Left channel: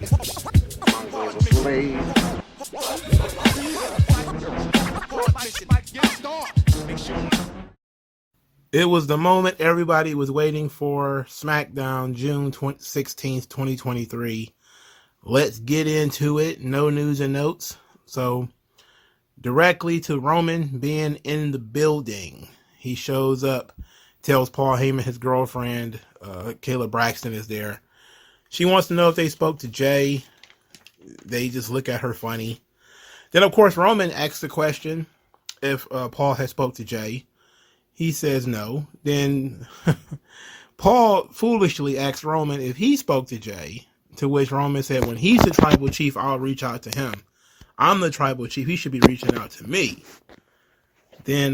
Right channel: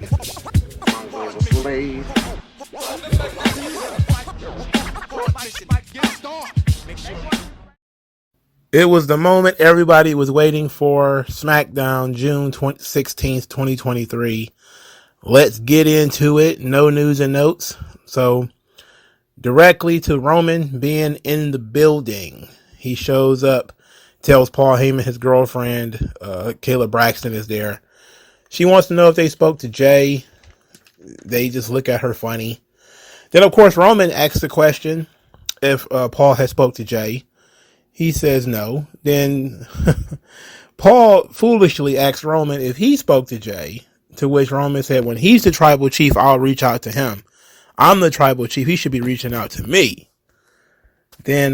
MagMongoSlade. It was the moment everybody was waiting for. Smackdown, June 16th, 2023. Let's get into it. No news and notes. So, directly to Roman being in the building. He shows up, tells Paul Heyman his girlfriend, Kayla Braxton, is there. She wants to know if they spoke to Jey. They just look at her funny. Then, of course, Roman asks the question if Paul had spoke to Jey. He says no. Then Paul foolishly asks Roman if he spoke to Jey, to which Roman said, when he's the tribal chief, I'll reach out to him. I'm the tribal chief. He should be reaching out to me. Then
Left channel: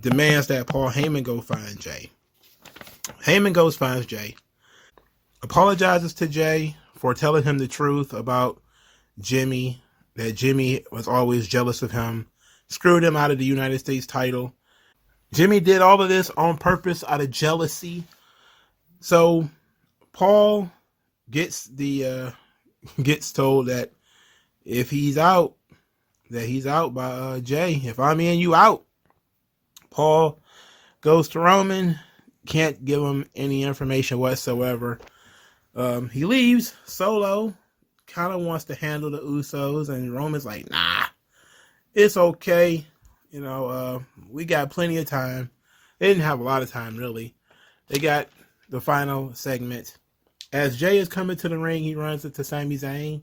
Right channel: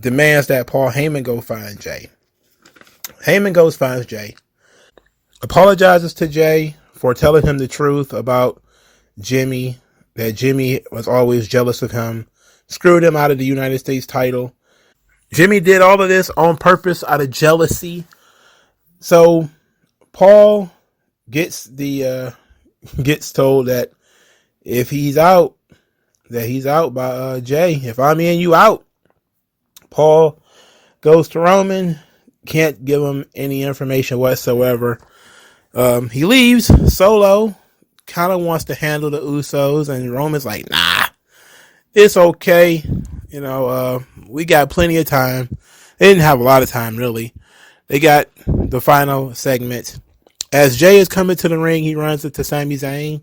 demands that Paul Heyman go find Jey. Heyman goes finds Jey. Apologizes to Jey for telling him the truth about Jimmy, that Jimmy was always jealous of him, screwed him out of the United States title. Jimmy did all of this on purpose out of jealousy. So Paul gets told that if he's out, that he's out by Jey. If I'm in, you out. Paul goes to Roman, can't give him any information whatsoever. He leaves. Solo kind of wants to handle the Usos, and Roman's like, nah, it's okay. You know, we got plenty of time. They didn't have a lot of time, really. They got the final segment. As Jey is coming to the ring, he runs into Sami Zayn,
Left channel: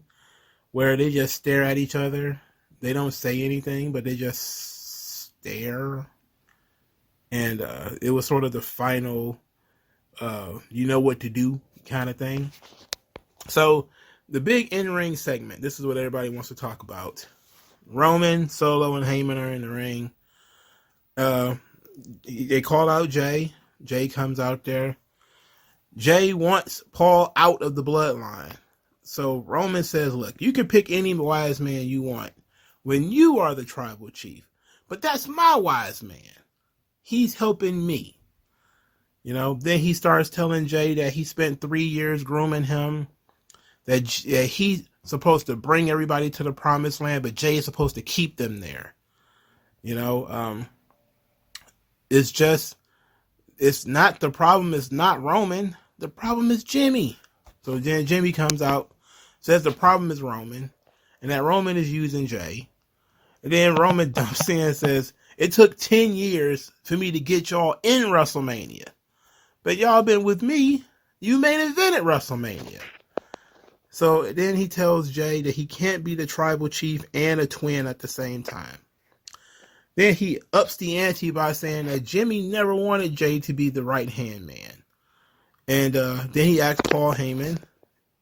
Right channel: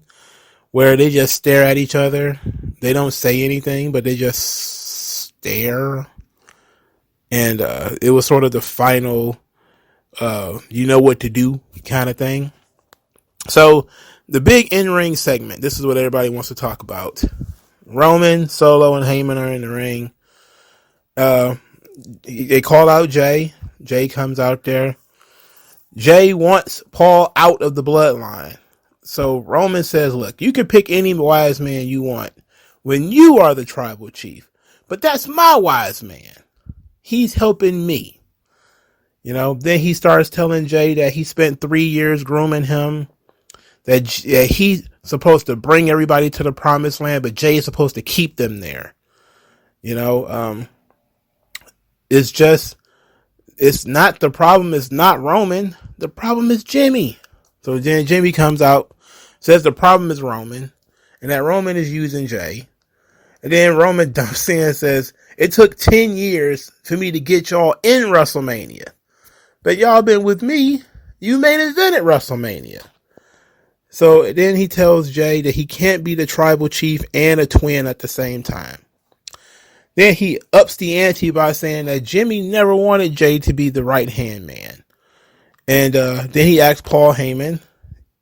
where they just stare at each other. They don't say anything, but they just stare. And it was sort of the final, you know what to do kind of thing. So the big in-ring segment, this is what everybody wants to talk about. Roman, Solo, and Heyman are in the ring. They call out Jey. Jey comes out there. Jey wants Paul out of the bloodline. So Roman says, look, you can pick any wise man you want when you are the tribal chief. But that's my wise man. He's helping me. You know, then he starts telling Jey that he spent 3 years grooming him. That he's supposed to bring everybody to the promised land, but Jey is supposed to keep them there. You know, it's not the problem. It's not Roman. The problem is Jimmy. So then Jimmy comes out, says the problem is Roman, and that Roman is using Jey. And then Roman dumps in and says, it took 10 years for me to get y'all in WrestleMania. But y'all been with me. You main evented WrestleMania. So then he tells Jey that he can't be the tribal chief and a twin at the same time. Then he ups the ante by saying that Jimmy never wanted Jey to be the right-hand man. And then he asks Paul Heyman.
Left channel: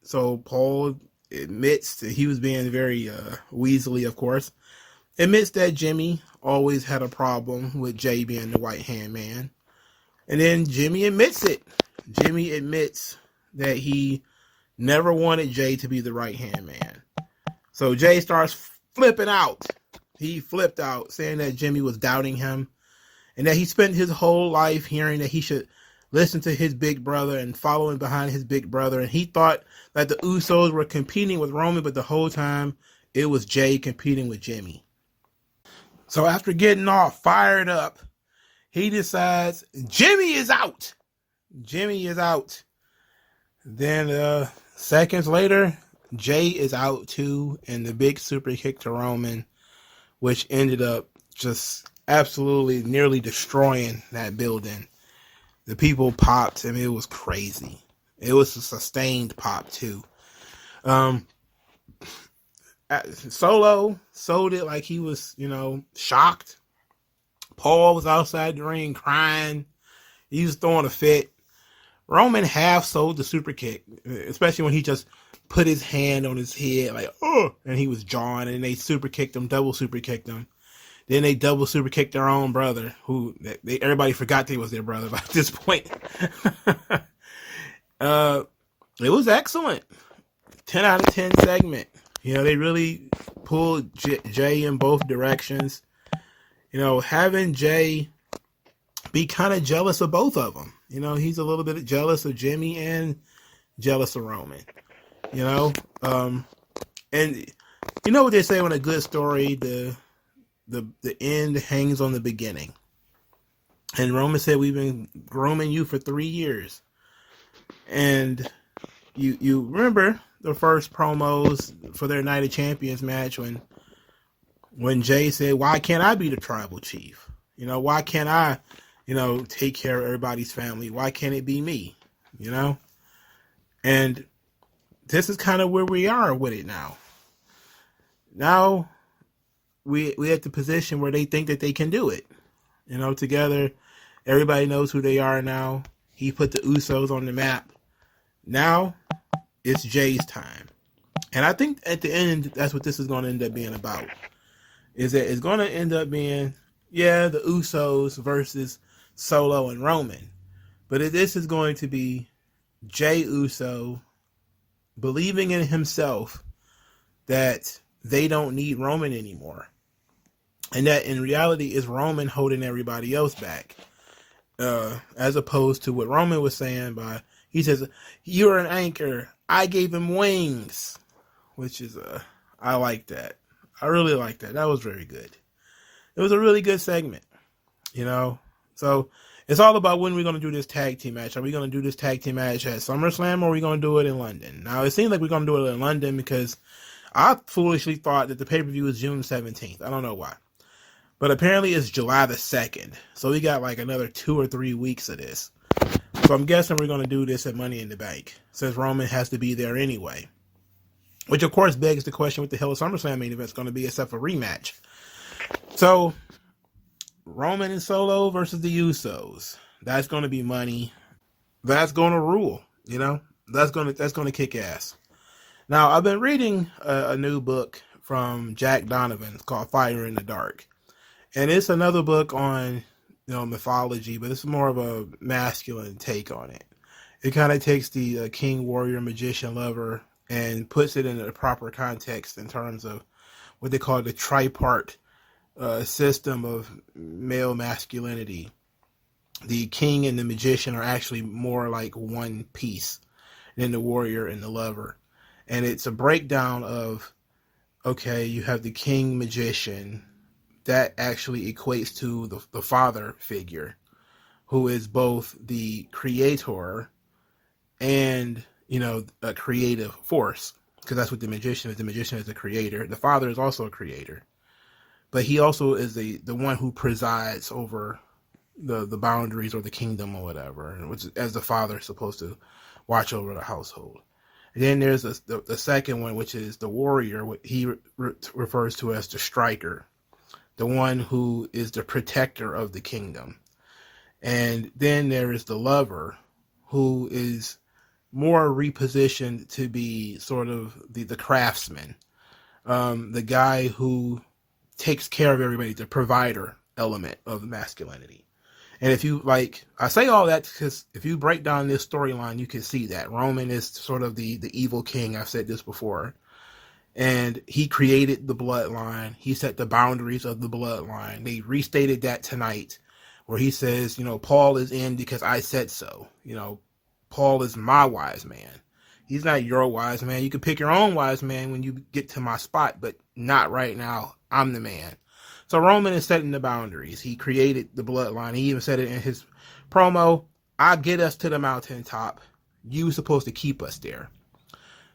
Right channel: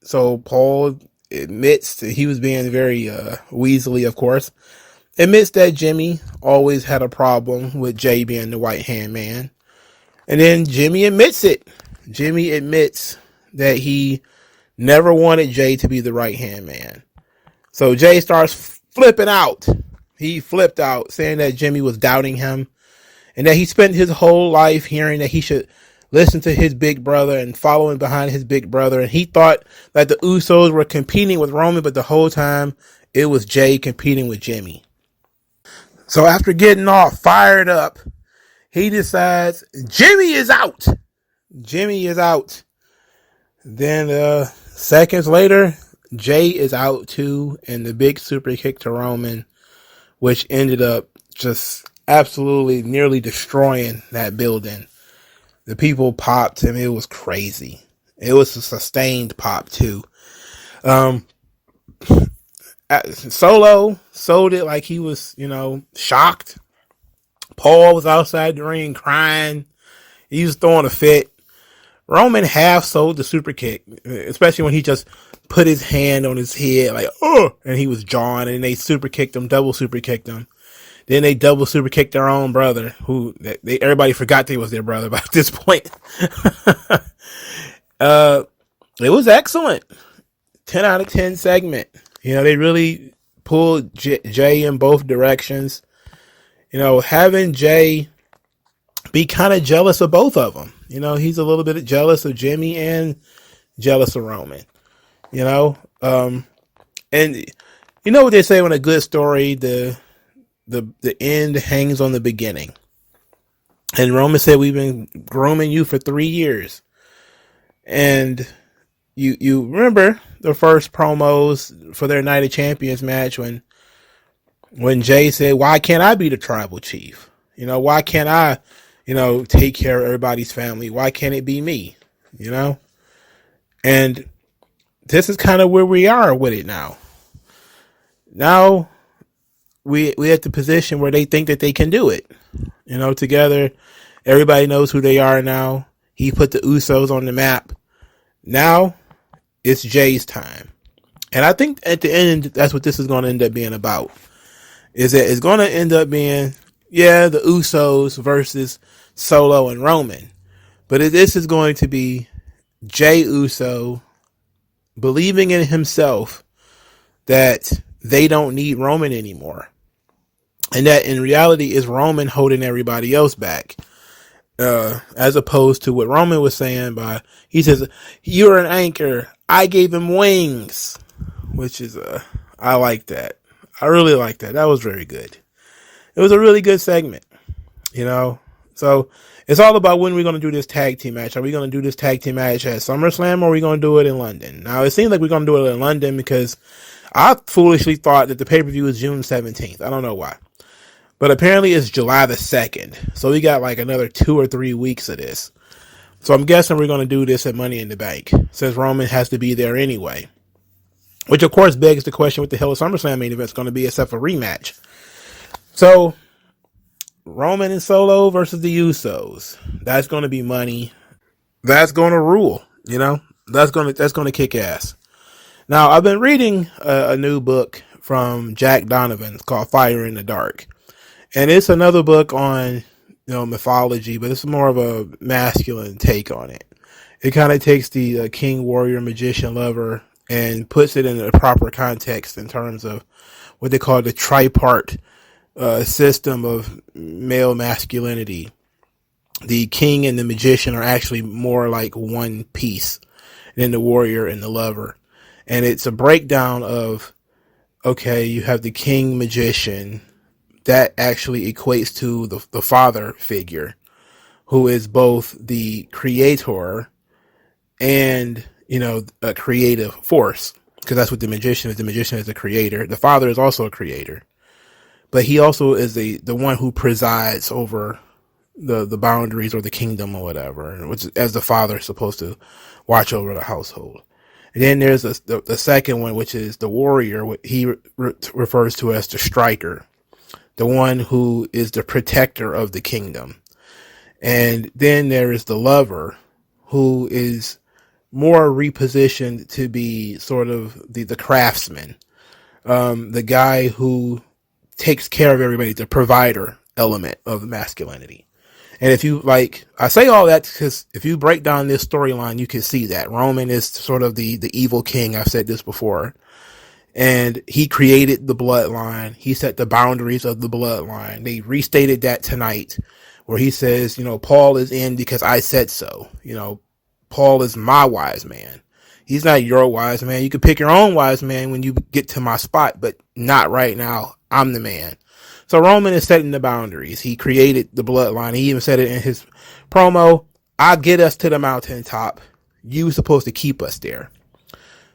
So Paul admits that he was being very weaselly, of course. Admits that Jimmy always had a problem with Jey being the right-hand man. And then Jimmy admits it. Jimmy admits that he never wanted Jey to be the right-hand man. So Jey starts flipping out. He flipped out, saying that Jimmy was doubting him and that he spent his whole life hearing that he should listen to his big brother and following behind his big brother. And he thought that the Usos were competing with Roman, but the whole time it was Jey competing with Jimmy. So after getting all fired up, he decides Jimmy is out. Jimmy is out. Then seconds later, Jey is out too, and the big super kick to Roman, which ended up just absolutely nearly destroying that building. The people popped, and it was crazy. It was a sustained pop too. Solo sold it like he was, shocked. Paul was outside the ring crying. He was throwing a fit. Roman half sold the super kick, especially when he just put his hand on his head like, oh, and he was jawing, and they super kicked him, double super kicked him. Then they double super kicked their own brother, who everybody forgot they was their brother by this point. It was excellent. 10 out of 10 segment. They really pulled Jey in both directions. Having Jey be kind of jealous of both of them. He's a little bit jealous of Jimmy and jealous of Roman. you know. And you know what they say, when a good story, the end hangs on the beginning. And Roman said, we've been grooming you for 3 years. And you remember the first promos for their Night of Champions match when Jey said, why can't I be the tribal chief? You know, why can't I, take care of everybody's family? Why can't it be me? You know? And this is kind of where we are with it now. Now we at the position where they think that they can do it. Together, everybody knows who they are now. He put the Usos on the map. Now it's Jey's time. And I think at the end, that's what this is going to end up being about. Is that it's going to end up being, the Usos versus Solo and Roman. But this is going to be Jey Uso believing in himself that they don't need Roman anymore. And that in reality is Roman holding everybody else back. As opposed to what Roman was saying he says, you're an anchor. I gave him wings. Which is, I like that. I really like that. That was very good. It was a really good segment, So it's all about when we're going to do this tag team match. Are we going to do this tag team match at SummerSlam, or are we going to do it in London? Now, it seems like we're going to do it in London because I foolishly thought that the pay-per-view was June 17th. I don't know why. But apparently it's July the 2nd. So we got like another 2 or 3 weeks of this. So I'm guessing we're going to do this at Money in the Bank, since Roman has to be there anyway. Which, of course, begs the question, what the hell is SummerSlam main event going to be except for rematch? So, Roman and Solo versus the Usos. That's going to be money. That's going to rule, That's going to kick ass. Now, I've been reading a new book from Jack Donovan. It's called Fire in the Dark. And it's another book on, mythology, but it's more of a masculine take on it. It kind of takes the king, warrior, magician, lover, and puts it in a proper context in terms of what they call the tripart system of male masculinity. The king and the magician are actually more like one piece than the warrior and the lover. And it's a breakdown of, okay, you have the king magician. That actually equates to the father figure, who is both the creator and, a creative force, because that's what the magician is. The magician is a creator. The father is also a creator, but he also is the one who presides over the boundaries or the kingdom or whatever, which is, as the father is supposed to watch over the household. And then there's the second one, which is the warrior, what he refers to as the striker, the one who is the protector of the kingdom. And then there is the lover, who is more repositioned to be sort of the craftsman, the guy who takes care of everybody, the provider element of masculinity. And if you I say all that because if you break down this storyline, you can see that Roman is sort of the evil king. I've said this before. And he created the bloodline. He set the boundaries of the bloodline. They restated that tonight, where he says, Paul is in because I said so. Paul is my wise man. He's not your wise man. You can pick your own wise man when you get to my spot, but not right now. I'm the man. So Roman is setting the boundaries. He created the bloodline. He even said it in his promo. I'll get us to the mountaintop. You supposed to keep us there.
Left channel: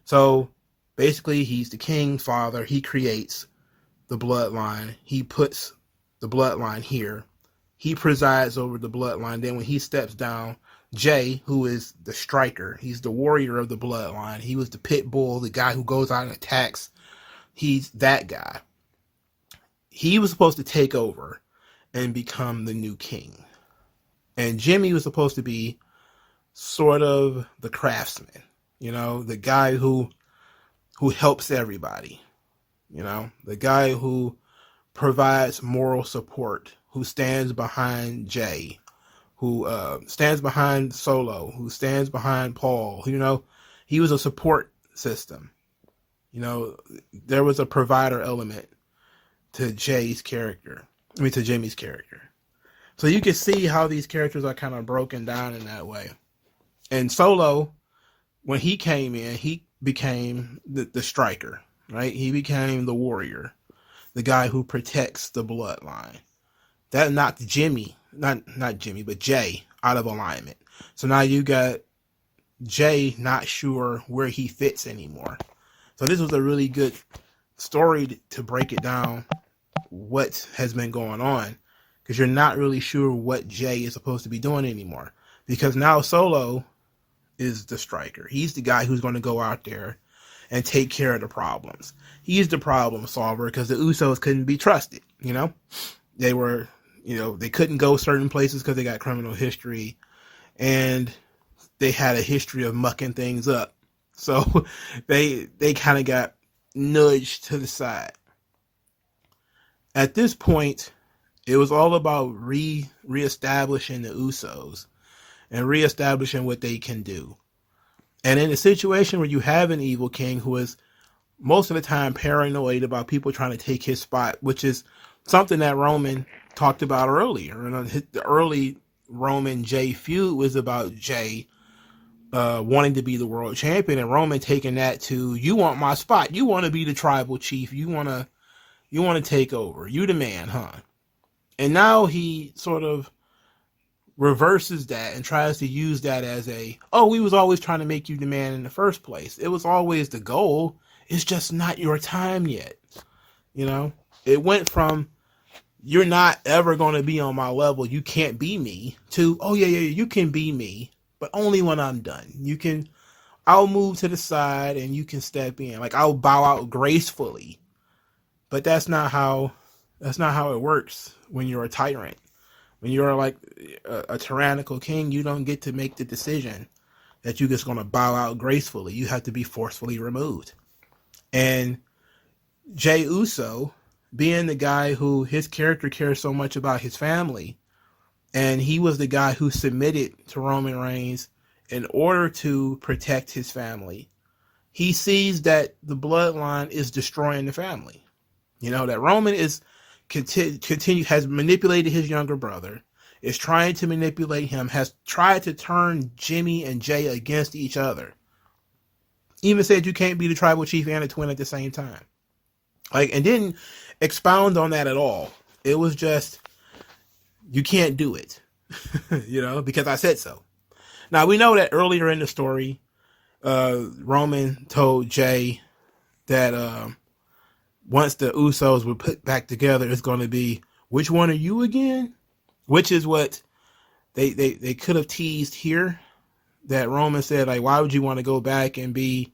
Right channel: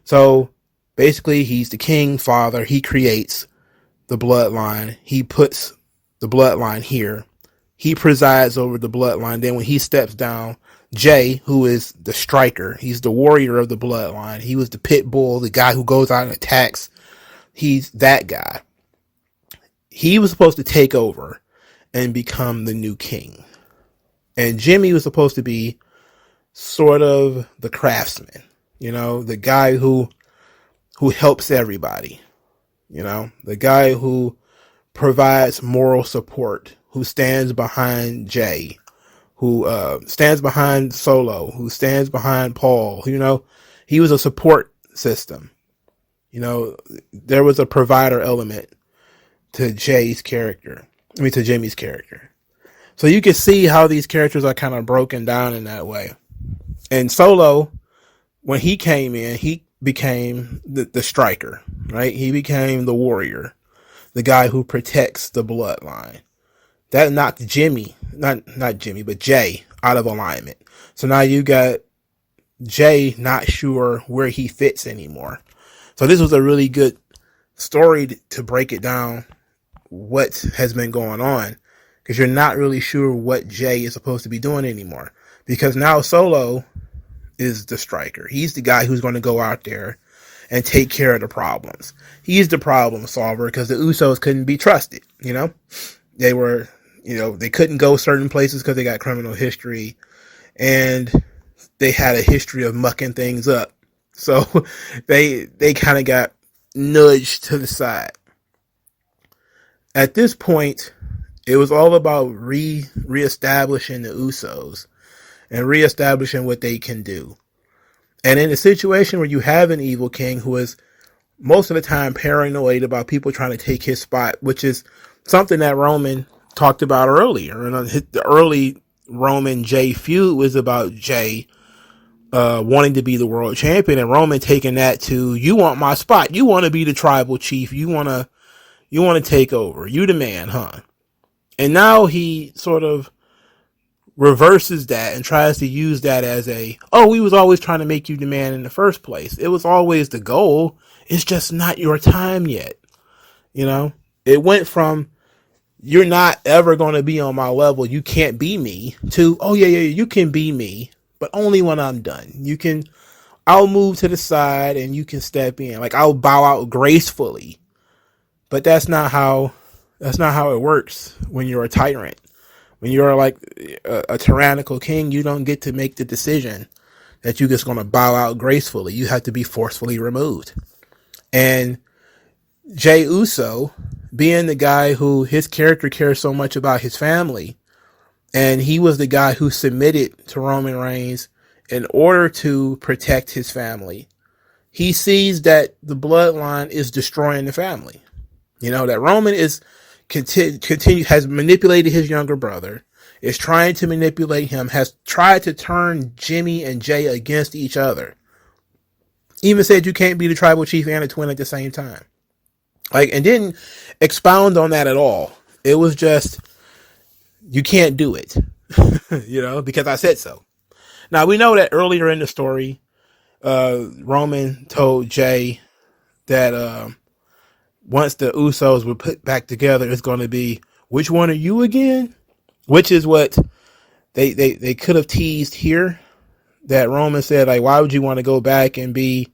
So basically, he's the king, father. He creates the bloodline. He puts the bloodline here. He presides over the bloodline. Then when he steps down, Jey, who is the striker, he's the warrior of the bloodline. He was the pit bull, the guy who goes out and attacks. He's that guy. He was supposed to take over and become the new king. And Jimmy was supposed to be sort of the craftsman, the guy who helps everybody, the guy who provides moral support, who stands behind Jey, who stands behind Solo, who stands behind Paul. He was a support system. There was a provider element to Jimmy's character. So you can see how these characters are kind of broken down in that way. And Solo, when he came in, he became the striker, right? He became the warrior, the guy who protects the bloodline. That knocked Jimmy, not Jimmy, but Jey out of alignment. So now you got Jey not sure where he fits anymore. So this was a really good story to break it down, what has been going on, because you're not really sure what Jey is supposed to be doing anymore. Because now Solo is the striker. He's the guy who's going to go out there and take care of the problems. He's the problem solver because the Usos couldn't be trusted. They were, they couldn't go certain places because they got criminal history, and they had a history of mucking things up. So they kind of got nudged to the side. At this point, it was all about reestablishing the Usos and reestablishing what they can do. And in a situation where you have an evil king who is most of the time paranoid about people trying to take his spot, which is something that Roman talked about earlier. And the early Roman Jey feud was about Jey wanting to be the world champion, and Roman taking that to, you want my spot, you want to be the tribal chief, you want to take over, you the man, huh? And now he sort of reverses that and tries to use that as we was always trying to make you the man in the first place. It was always the goal. It's just not your time yet. It went from, you're not ever going to be on my level, you can't be me, to, you can be me, but only when I'm done. I'll move to the side and you can step in. Like, I'll bow out gracefully. But that's not how it works when you're a tyrant. When you're like a tyrannical king, you don't get to make the decision that you're just going to bow out gracefully. You have to be forcefully removed. And Jey Uso, being the guy who his character cares so much about his family, and he was the guy who submitted to Roman Reigns in order to protect his family, he sees that the bloodline is destroying the family. That Roman is has manipulated his younger brother, is trying to manipulate him, has tried to turn Jimmy and Jey against each other. Even said you can't be the tribal chief and a twin at the same time. And didn't expound on that at all. It was just, you can't do it, because I said so. Now, we know that earlier in the story, Roman told Jey that once the Usos were put back together, it's going to be, which one are you again? Which is what they could have teased here. That Roman said, why would you want to go back and be,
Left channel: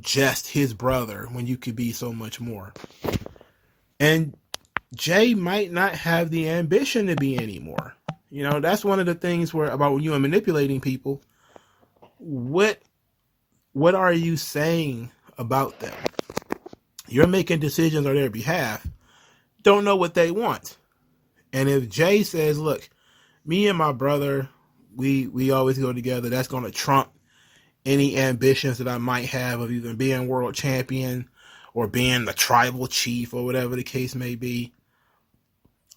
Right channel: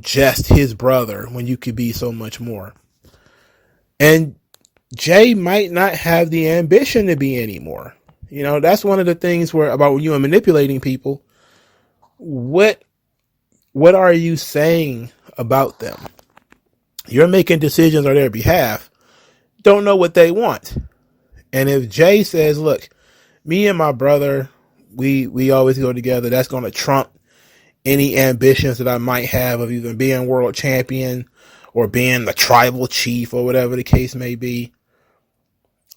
just his brother when you could be so much more? And Jey might not have the ambition to be anymore. That's one of the things about when you are manipulating people. What are you saying about them? You're making decisions on their behalf. Don't know what they want. And if Jey says, look, me and my brother, we always go together, that's going to trump any ambitions that I might have of either being world champion or being the tribal chief or whatever the case may be.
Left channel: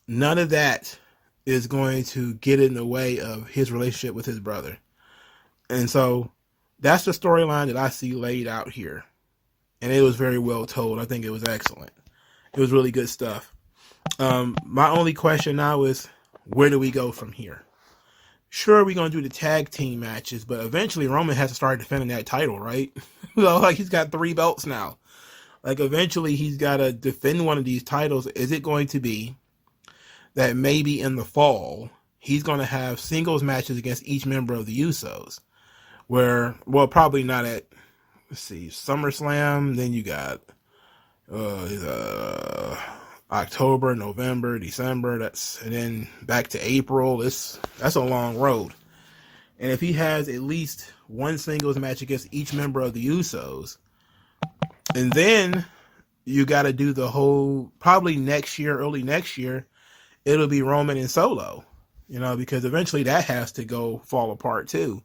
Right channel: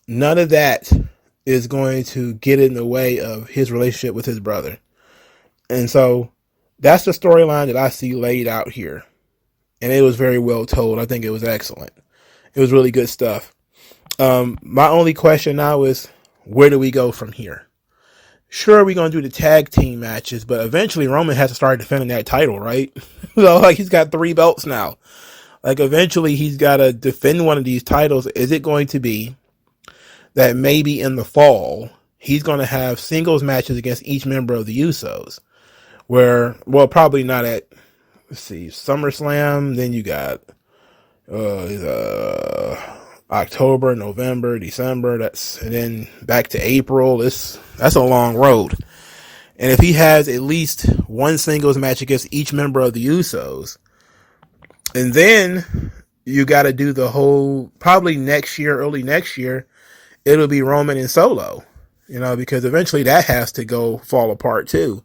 None of that is going to get in the way of his relationship with his brother. And so that's the storyline that I see laid out here. And it was very well told. I think it was excellent. It was really good stuff. My only question now is, where do we go from here? Sure, we're going to do the tag team matches, but eventually Roman has to start defending that title, right? So, he's got 3 belts now. Eventually he's got to defend one of these titles. Is it going to be that maybe in the fall, he's going to have singles matches against each member of the Usos? Probably not at, SummerSlam. Then you got October, November, December. And then back to April. That's a long road. And if he has at least one singles match against each member of the Usos, and then you got to do the whole, probably next year, early next year, it'll be Roman and Solo, because eventually that has to fall apart too.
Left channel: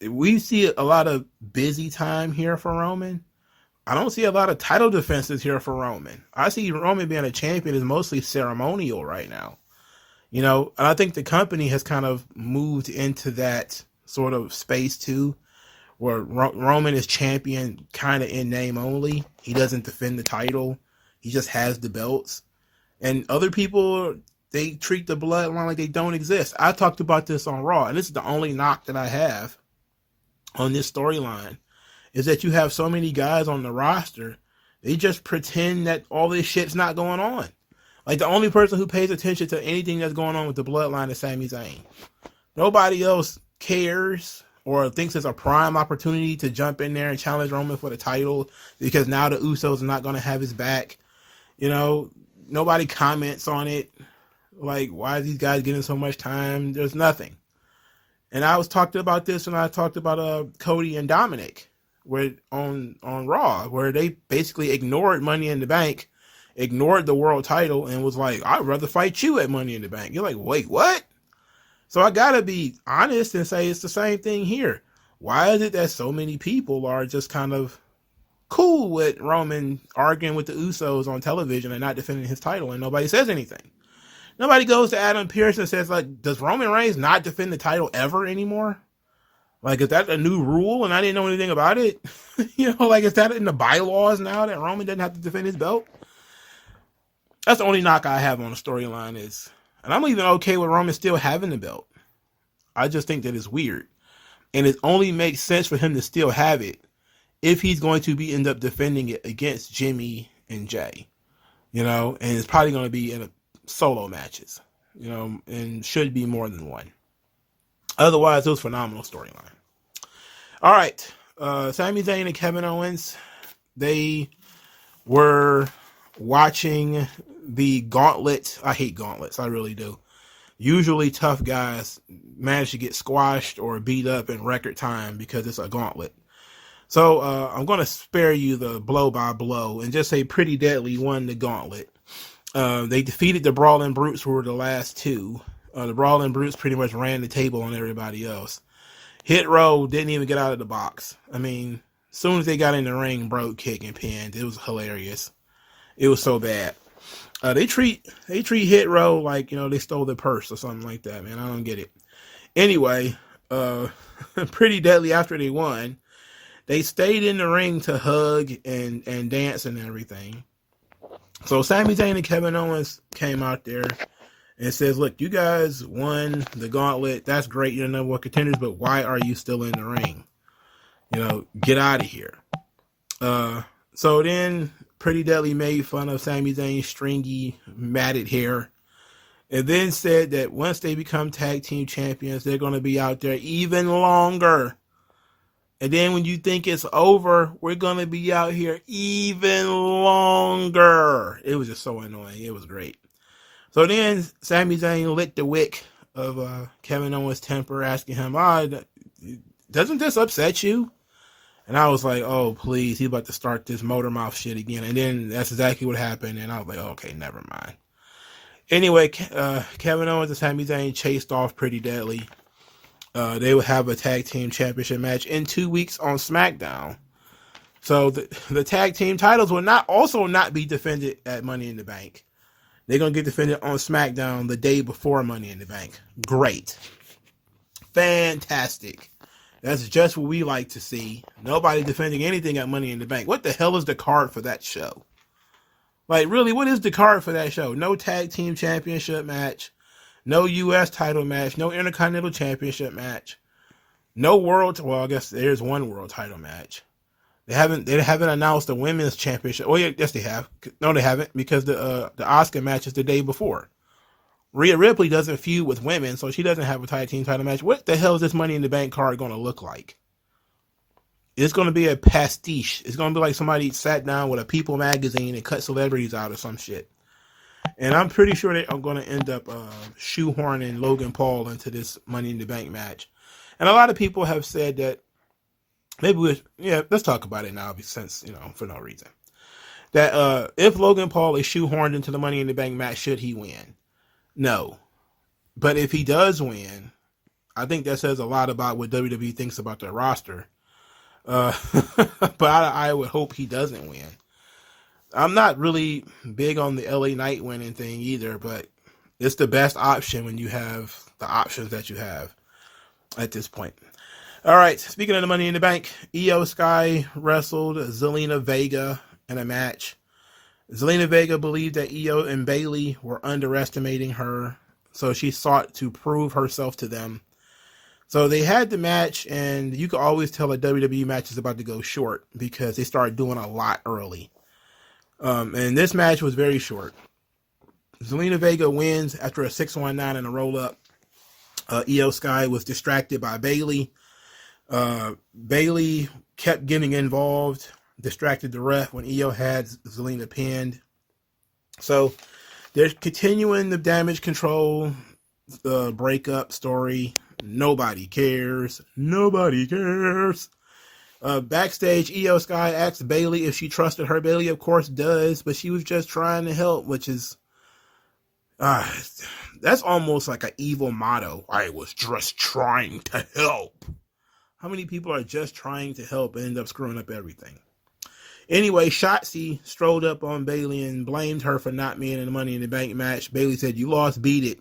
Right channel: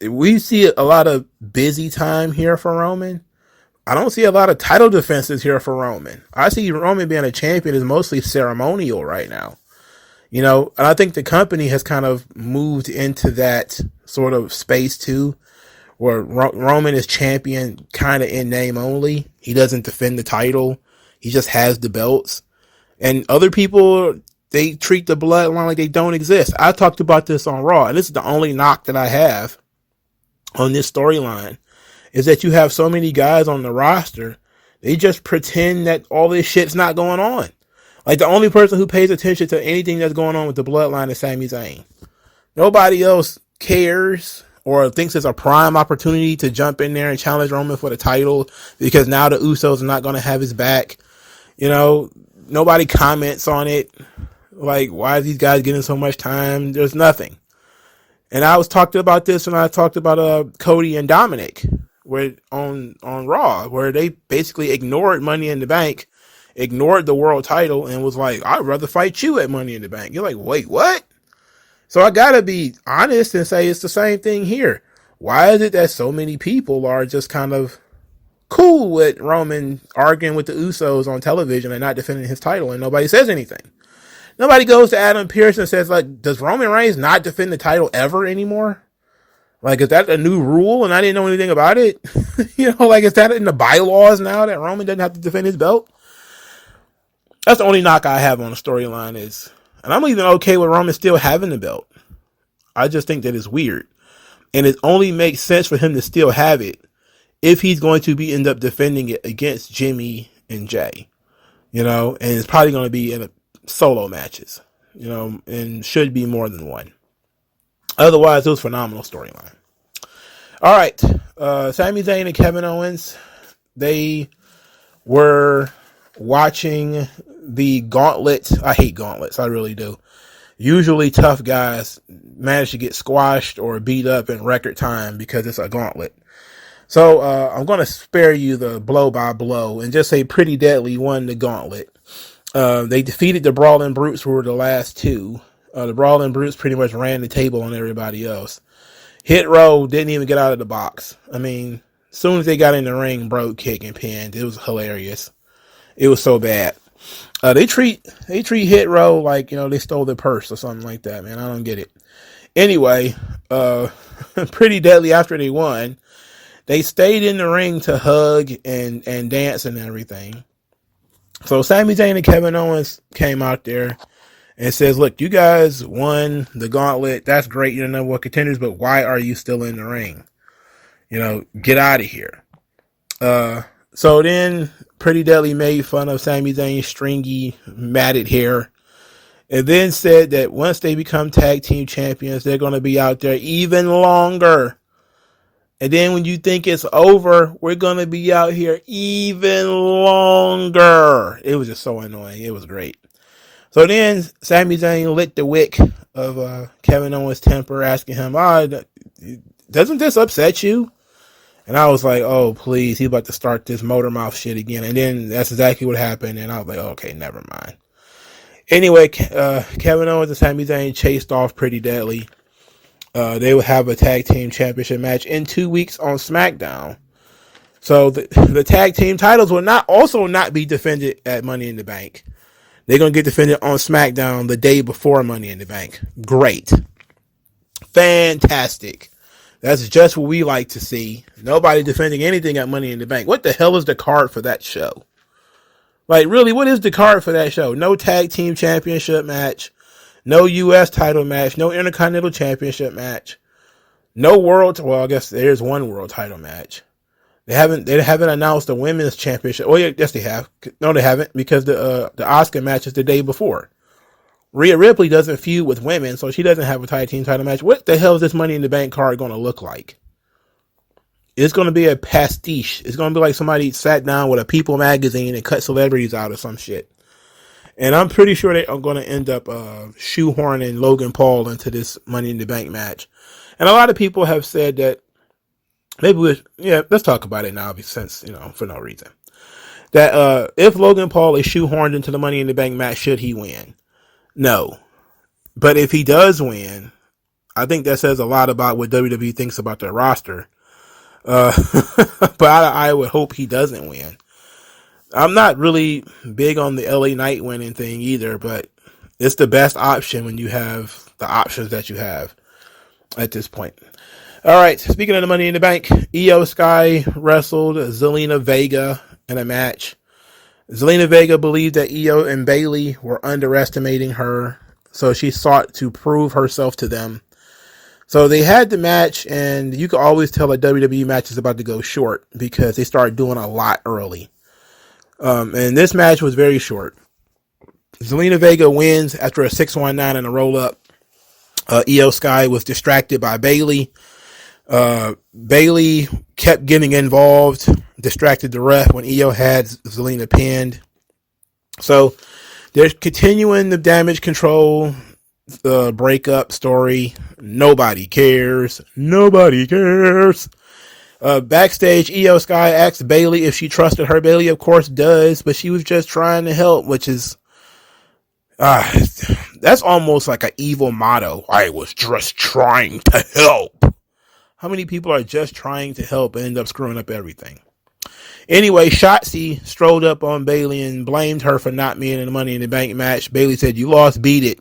We see a lot of busy time here for Roman. I don't see a lot of title defenses here for Roman. I see Roman being a champion is mostly ceremonial right now. And I think the company has kind of moved into that sort of space too, where Roman is champion kind of in name only. He doesn't defend the title. He just has the belts. And other people, they treat the bloodline like they don't exist. I talked about this on Raw, and this is the only knock that I have on this storyline, is that you have so many guys on the roster, they just pretend that all this shit's not going on. Like, the only person who pays attention to anything that's going on with the bloodline is Sami Zayn. Nobody else cares or thinks it's a prime opportunity to jump in there and challenge Roman for the title, because now the Usos are not going to have his back. Nobody comments on it. Like, why are these guys getting so much time? There's nothing. And I was talking about this when I talked about Cody and Dominic on Raw, where they basically ignored Money in the Bank, ignored the world title, and was like, I'd rather fight you at Money in the Bank. You're like, wait, what? So I gotta be honest and say it's the same thing here. Why is it that so many people are just kind of cool with Roman arguing with the Usos on television and not defending his title, and nobody says anything? Nobody goes to Adam Pearce and says, like, does Roman Reigns not defend the title ever anymore? Like, is that a new rule and I didn't know anything about it? Is that in the bylaws now that Roman doesn't have to defend his belt? That's the only knock I have on the storyline is, and I'm even okay with Roman still having the belt. I just think that it's weird. And it only makes sense for him to still have it if he's going to end up defending it against Jimmy and Jey. And it's probably going to be in a solo matches, and should be more than one. Otherwise, it was a phenomenal storyline. All right. Sami Zayn and Kevin Owens, they were watching the gauntlet. I hate gauntlets. I really do. Usually tough guys manage to get squashed or beat up in record time because it's a gauntlet. So I'm going to spare you the blow by blow and just say Pretty Deadly won the gauntlet. They defeated the Brawling Brutes, who were the last two. The Brawling Brutes pretty much ran the table on everybody else. Hit Row didn't even get out of the box. I mean, as soon as they got in the ring, broke, kick, and pinned. It was hilarious. It was so bad. They treat Hit Row like, they stole their purse or something like that, man. I don't get it. Anyway, Pretty Deadly, after they won, they stayed in the ring to hug and dance and everything. So Sami Zayn and Kevin Owens came out there and says, look, you guys won the gauntlet. That's great. You're the number one contenders, but why are you still in the ring? Get out of here. So then Pretty Deadly made fun of Sami Zayn's stringy, matted hair, and then said that once they become tag team champions, they're going to be out there even longer. And then when you think it's over, we're going to be out here even longer. It was just so annoying. It was great. So then Sami Zayn lit the wick of Kevin Owens' temper, asking him, doesn't this upset you? And I was like, oh, please, he's about to start this motor mouth shit again. And then that's exactly what happened. And I was like, okay, never mind. Anyway, Kevin Owens and Sami Zayn chased off Pretty Deadly. They will have a tag team championship match in 2 weeks on SmackDown. So the tag team titles will not be defended at Money in the Bank. They're going to get defended on SmackDown the day before Money in the Bank. Great. Fantastic. That's just what we like to see. Nobody defending anything at Money in the Bank. What the hell is the card for that show? Like, really, what is the card for that show? No tag team championship match. No U.S. title match. No Intercontinental Championship match. No world. Well, I guess there's one world title match. They haven't announced the women's championship. Oh, yeah, yes, they have. No, they haven't, because the Asuka match is the day before. Rhea Ripley doesn't feud with women, so she doesn't have a tag team title match. What the hell is this Money in the Bank card going to look like? It's going to be a pastiche. It's going to be like somebody sat down with a People magazine and cut celebrities out of some shit. And I'm pretty sure they are going to end up shoehorning Logan Paul into this Money in the Bank match. And a lot of people have said that let's talk about it now, since, for no reason. That if Logan Paul is shoehorned into the Money in the Bank match, should he win? No. But if he does win, I think that says a lot about what WWE thinks about their roster. But I would hope he doesn't win. I'm not really big on the LA Knight winning thing either, but It's the best option when you have the options that you have at this point. All right, speaking of the Money in the Bank, Io Sky wrestled Zelina Vega in a match. Zelina Vega believed that Io and Bayley were underestimating her, so she sought to prove herself to them. So they had the match, and you can always tell a WWE match is about to go short because they started doing a lot early. And this match was very short. Zelina Vega wins after a 619 and a roll-up. Io Sky was distracted by Bayley. Bayley kept getting involved, distracted the ref when Io had Zelina pinned. So they're continuing the damage control breakup story. Nobody cares. Nobody cares. Backstage, Io Sky asked Bayley if she trusted her. Bayley, of course, does, but she was just trying to help, which is that's almost like an evil motto. I was just trying to help. How many people are just trying to help and end up screwing up everything? Anyway, Shotzi strolled up on Bayley and blamed her for not being in the Money in the Bank match. Bayley said, "You lost, beat it."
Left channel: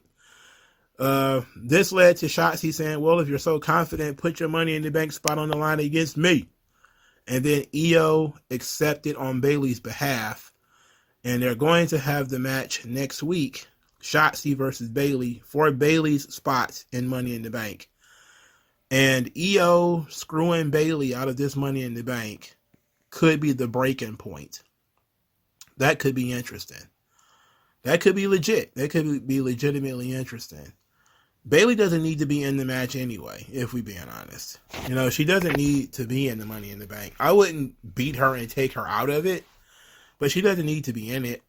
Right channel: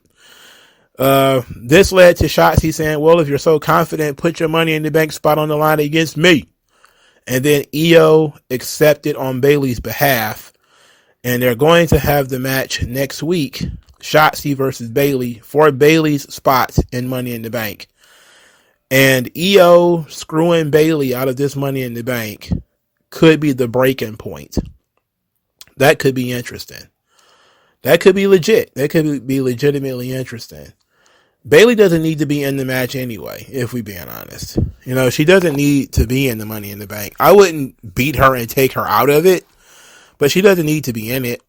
This led to Shotzi saying, "Well, if you're so confident, put your Money in the Bank spot on the line against me." And then Io accepted on Bayley's behalf, and they're going to have the match next week, Shotzi versus Bayley, for Bayley's spots in Money in the Bank. And Io screwing Bayley out of this Money in the Bank could be the breaking point. That could be interesting. That could be legit. That could be legitimately interesting. Bayley doesn't need to be in the match anyway, if we're being honest. You know, she doesn't need to be in the Money in the Bank. I wouldn't beat her and take her out of it, but she doesn't need to be in it.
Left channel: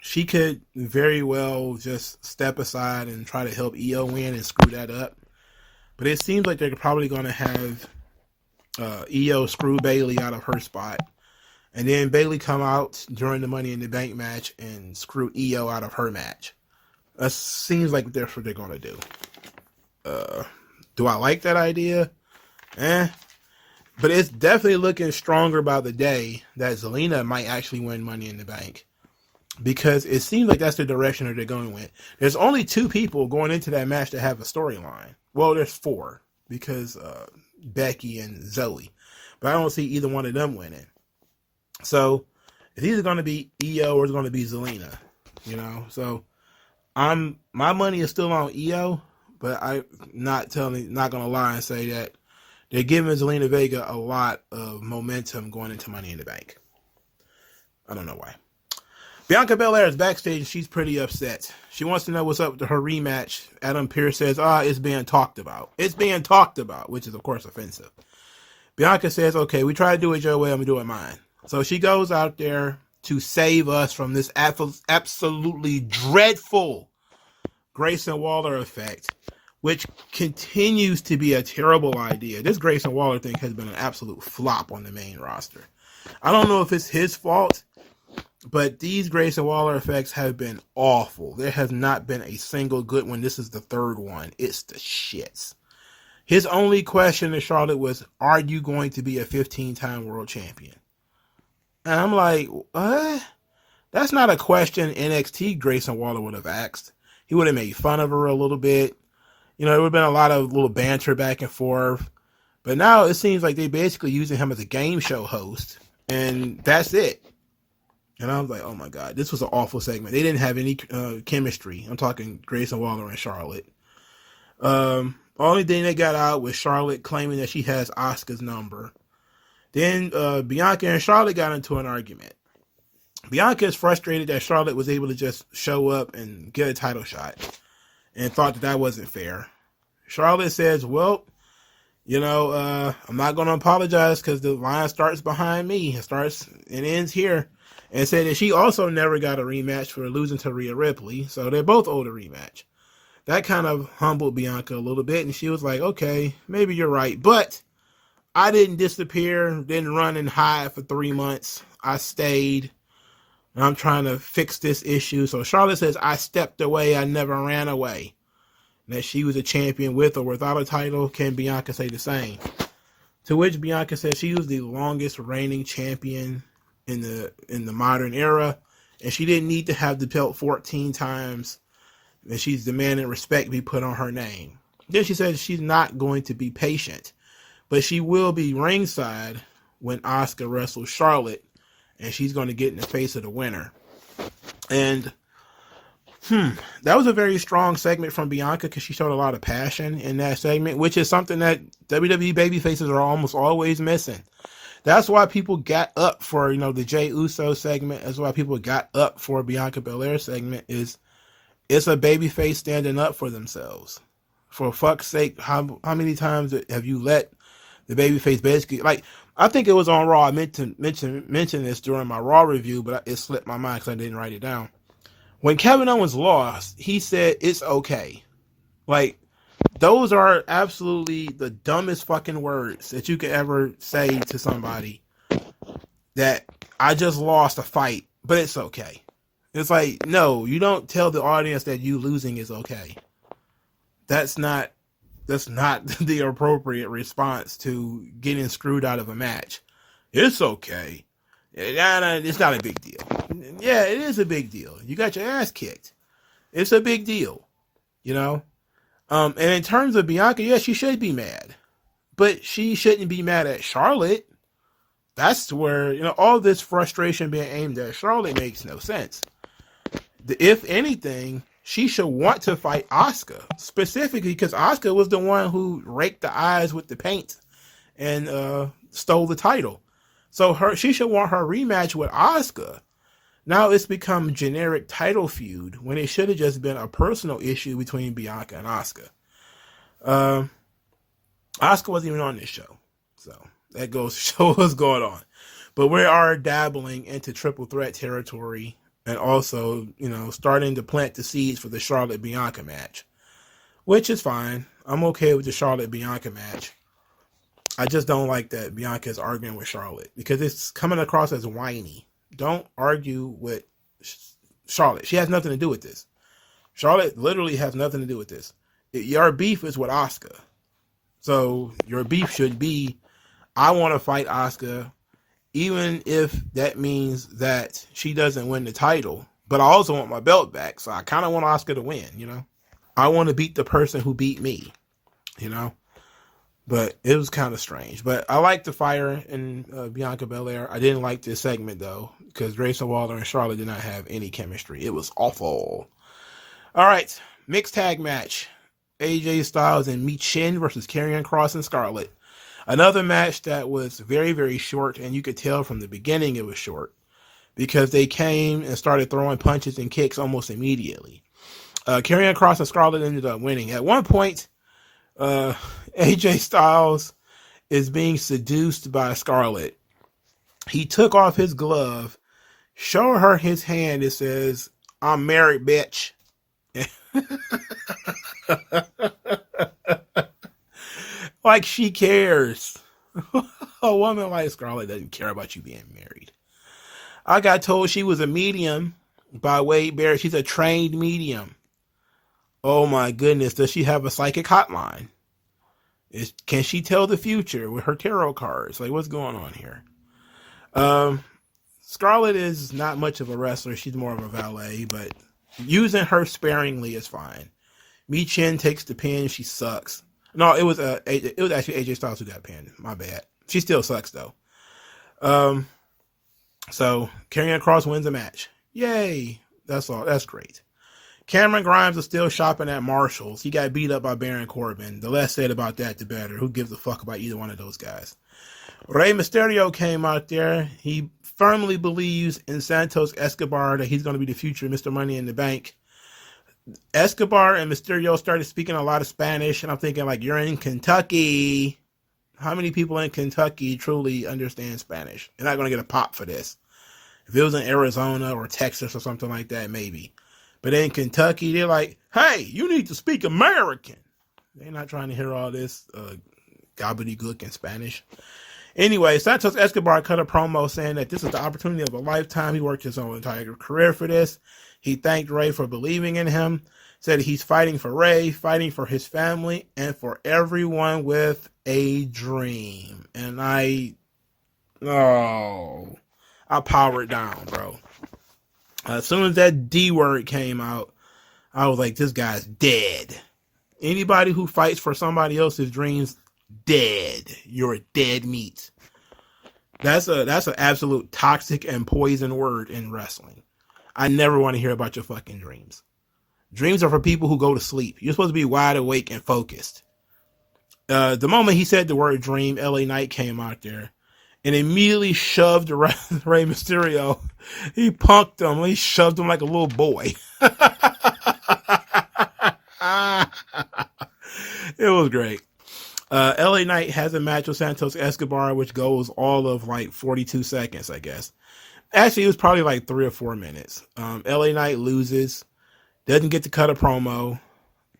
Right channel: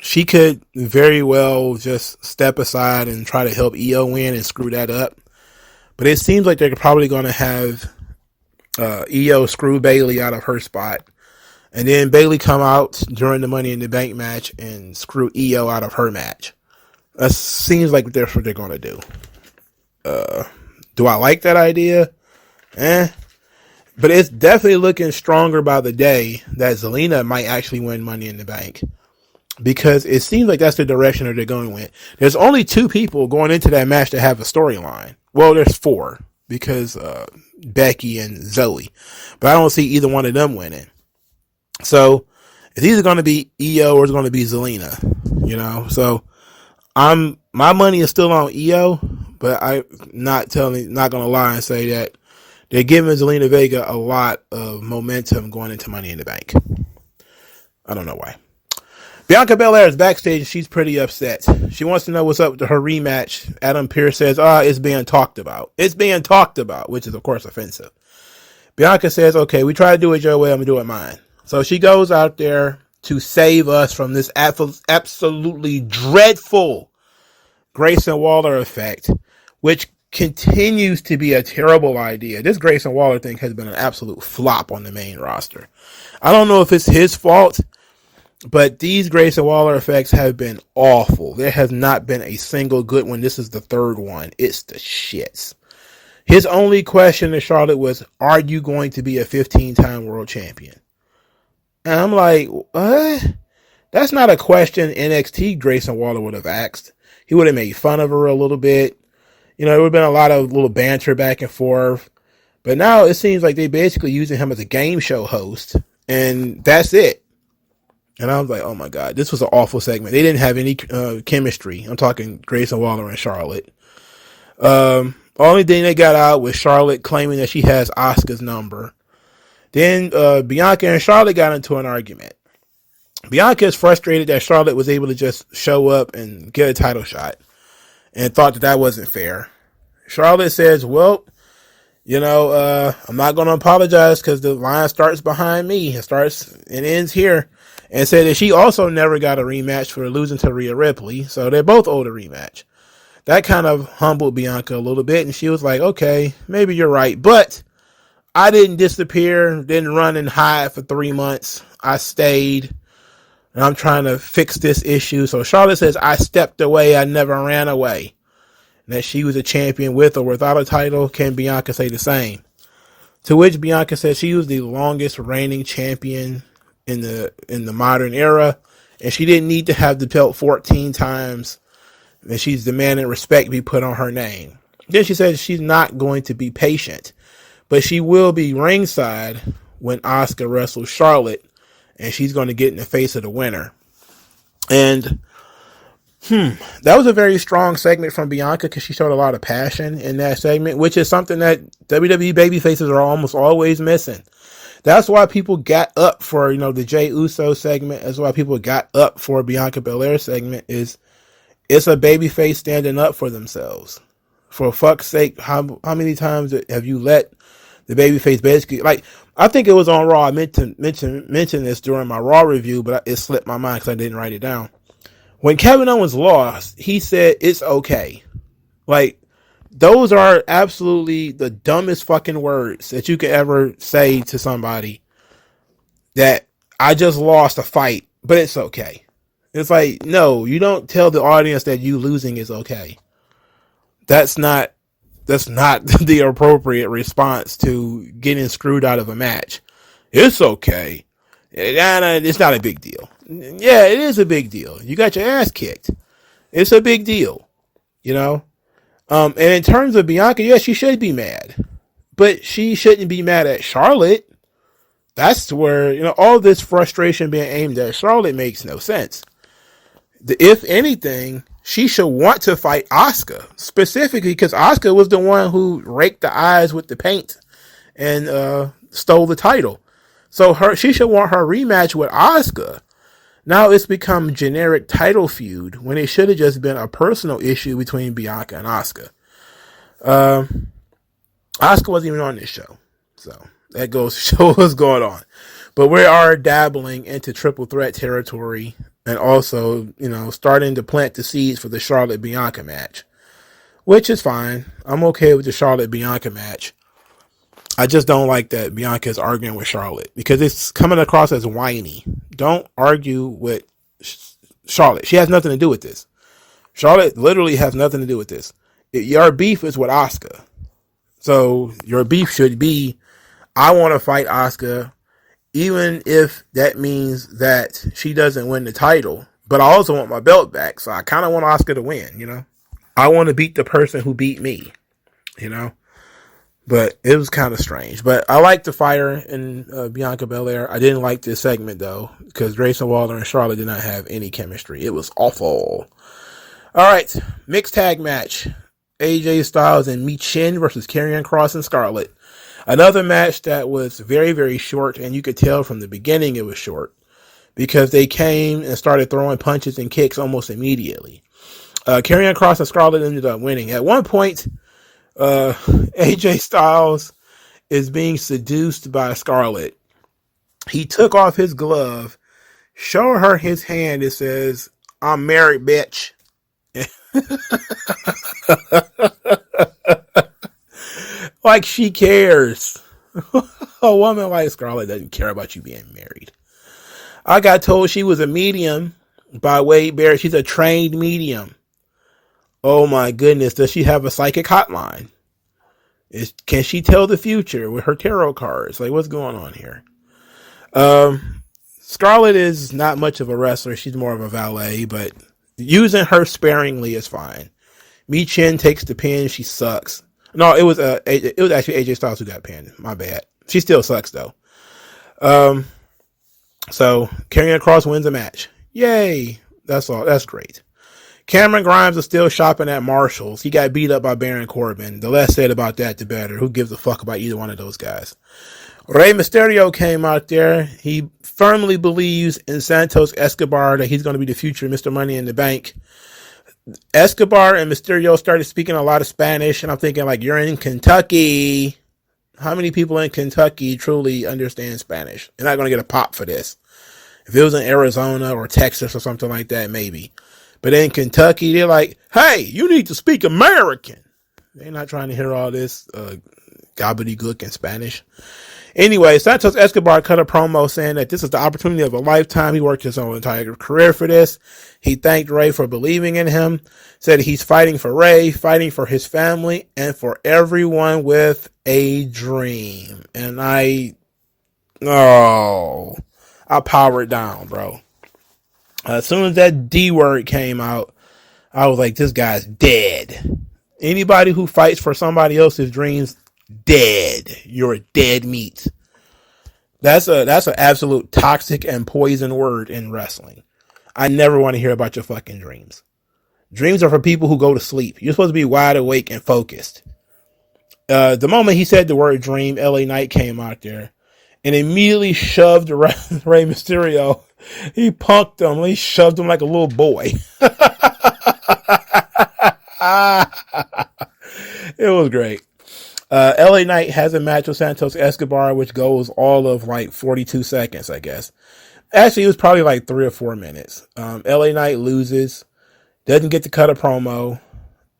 She could very well just step aside and try to help Io win and screw that up. But it seems like they're probably going to have Io screw Bayley out of her spot. And then Bayley come out during the Money in the Bank match and screw Io out of her match. That seems like that's what they're going to do. Do I like that idea? But it's definitely looking stronger by the day that Zelina might actually win Money in the Bank. Because it seems like that's the direction that they're going with. There's only 2 people going into that match that have a storyline. Well, there's 4. Because Becky and Zoe. But I don't see either one of them winning. So it's either going to be Io or it's going to be Zelina. You know, so my money is still on Io, but I'm not going to lie and say that they're giving Zelina Vega a lot of momentum going into Money in the Bank. I don't know why. Bianca Belair is backstage and she's pretty upset. She wants to know what's up with her rematch. Adam Pearce says, it's being talked about. It's being talked about, which is, of course, offensive. Bianca says, okay, we try to do it your way, I'm going to do it mine. So she goes out there to save us from this absolutely dreadful Grayson Waller effect, which continues to be a terrible idea. This Grayson Waller thing has been an absolute flop on the main roster. I don't know if it's his fault, but these Grayson Waller effects have been awful. There has not been a single good one. This is the 3rd one. It's the shits. His only question to Charlotte was, are you going to be a 15-time world champion? And I'm like, what? That's not a question NXT Grayson Waller would have asked. He would have made fun of her a little bit. You know, there would have been a lot of little banter back and forth. But now it seems like they're basically using him as a game show host. And that's it. And I was like, oh my God, this was an awful segment. They didn't have any chemistry. I'm talking Grayson Waller and Charlotte. Only thing they got out was Charlotte claiming that she has Asuka's number. Then Bianca and Charlotte got into an argument. Bianca is frustrated that Charlotte was able to just show up and get a title shot and thought that wasn't fair. Charlotte says, well, you know, I'm not going to apologize because the line starts behind me. It starts and ends here. And said that she also never got a rematch for losing to Rhea Ripley. So they're both owed a rematch. That kind of humbled Bianca a little bit. And she was like, okay, maybe you're right. But I didn't disappear, didn't run and hide for 3 months. I stayed. And I'm trying to fix this issue. So Charlotte says, I stepped away. I never ran away. And that she was a champion with or without a title. Can Bianca say the same? To which Bianca said she was the longest reigning champion in the modern era, And she didn't need to have the belt 14 times, and she's demanding respect be put on her name. Then she said she's not going to be patient, but she will be ringside when Asuka wrestles Charlotte, and she's going to get in the face of the winner. And that was a very strong segment from Bianca because she showed a lot of passion in that segment, which is something that WWE babyfaces are almost always missing. That's why people got up for, the Jey Uso segment. That's why people got up for Bianca Belair segment. It's a babyface standing up for themselves. For fuck's sake, how many times have you let the babyface basically, like, I think it was on Raw. I meant to mention this during my Raw review, but it slipped my mind because I didn't write it down. When Kevin Owens lost, he said, it's okay. Like, those are absolutely the dumbest fucking words that you could ever say to somebody. That I just lost a fight, but it's okay. It's like, no, you don't tell the audience that you losing is okay. That's not the appropriate response to getting screwed out of a match. It's okay. It's not a big deal. Yeah, it is a big deal. You got your ass kicked. It's a big deal, And in terms of Bianca, yes, she should be mad, but she shouldn't be mad at Charlotte. That's where, all this frustration being aimed at Charlotte makes no sense. If anything, she should want to fight Asuka, specifically because Asuka was the one who raked the eyes with the paint and stole the title. So she should want her rematch with Asuka. Now it's become generic title feud when it should have just been a personal issue between Bianca and Asuka. Asuka wasn't even on this show. So that goes to show what's going on. But we are dabbling into triple threat territory and also, starting to plant the seeds for the Charlotte-Bianca match, which is fine. I'm okay with the Charlotte-Bianca match. I just don't like that Bianca is arguing with Charlotte because it's coming across as whiny. Don't argue with Charlotte. She has nothing to do with this. Charlotte literally has nothing to do with this. Your beef is with Asuka. So your beef should be, I want to fight Asuka, even if that means that she doesn't win the title. But I also want my belt back. So I kind of want Asuka to win, I want to beat the person who beat me, But it was kind of strange. But I liked the fire in Bianca Belair. I didn't like this segment, though, because Grayson Waller and Charlotte did not have any chemistry. It was awful. All right, mixed tag match. AJ Styles and Michin versus Karrion Kross and Scarlett. Another match that was very, very short, and you could tell from the beginning it was short because they came and started throwing punches and kicks almost immediately. Karrion Kross and Scarlett ended up winning. At one point, AJ Styles is being seduced by Scarlett. He took off his glove, showed her his hand. It says, "I'm married, bitch." Like she cares. A woman like Scarlett doesn't care about you being married. I got told she was a medium by Wade Barrett. She's a trained medium. Oh my goodness, does she have a psychic hotline? Can she tell the future with her tarot cards? Like, what's going on here? Scarlett is not much of a wrestler. She's more of a valet, but using her sparingly is fine. Michin takes the pin. She sucks. No, it was actually AJ Styles who got pinned. My bad. She still sucks though. So Karrion Kross wins a match. Yay! That's all. That's great. Cameron Grimes is still shopping at Marshall's. He got beat up by Baron Corbin. The less said about that, the better. Who gives a fuck about either one of those guys? Rey Mysterio came out there. He firmly believes in Santos Escobar that he's going to be the future Mr. Money in the Bank. Escobar and Mysterio started speaking a lot of Spanish, and I'm thinking, like, you're in Kentucky. How many people in Kentucky truly understand Spanish? You're not going to get a pop for this. If it was in Arizona or Texas or something like that, maybe. But in Kentucky, they're like, hey, you need to speak American. They're not trying to hear all this gobbledygook in Spanish. Anyway, Santos Escobar cut a promo saying that this is the opportunity of a lifetime. He worked his whole entire career for this. He thanked Rey for believing in him, said he's fighting for Rey, fighting for his family, and for everyone with a dream. And I powered down, bro. As soon as that D word came out, I was like, this guy's dead. Anybody who fights for somebody else's dreams, dead. You're a dead meat. That's an absolute toxic and poison word in wrestling. I never want to hear about your fucking dreams. Dreams are for people who go to sleep. You're supposed to be wide awake and focused. The moment he said the word dream, LA Knight came out there and immediately shoved Rey Mysterio. He punked him. He shoved him like a little boy. It was great. LA Knight has a match with Santos Escobar, which goes all of like 42 seconds, I guess. Actually, it was probably like 3 or 4 minutes. LA Knight loses, doesn't get to cut a promo.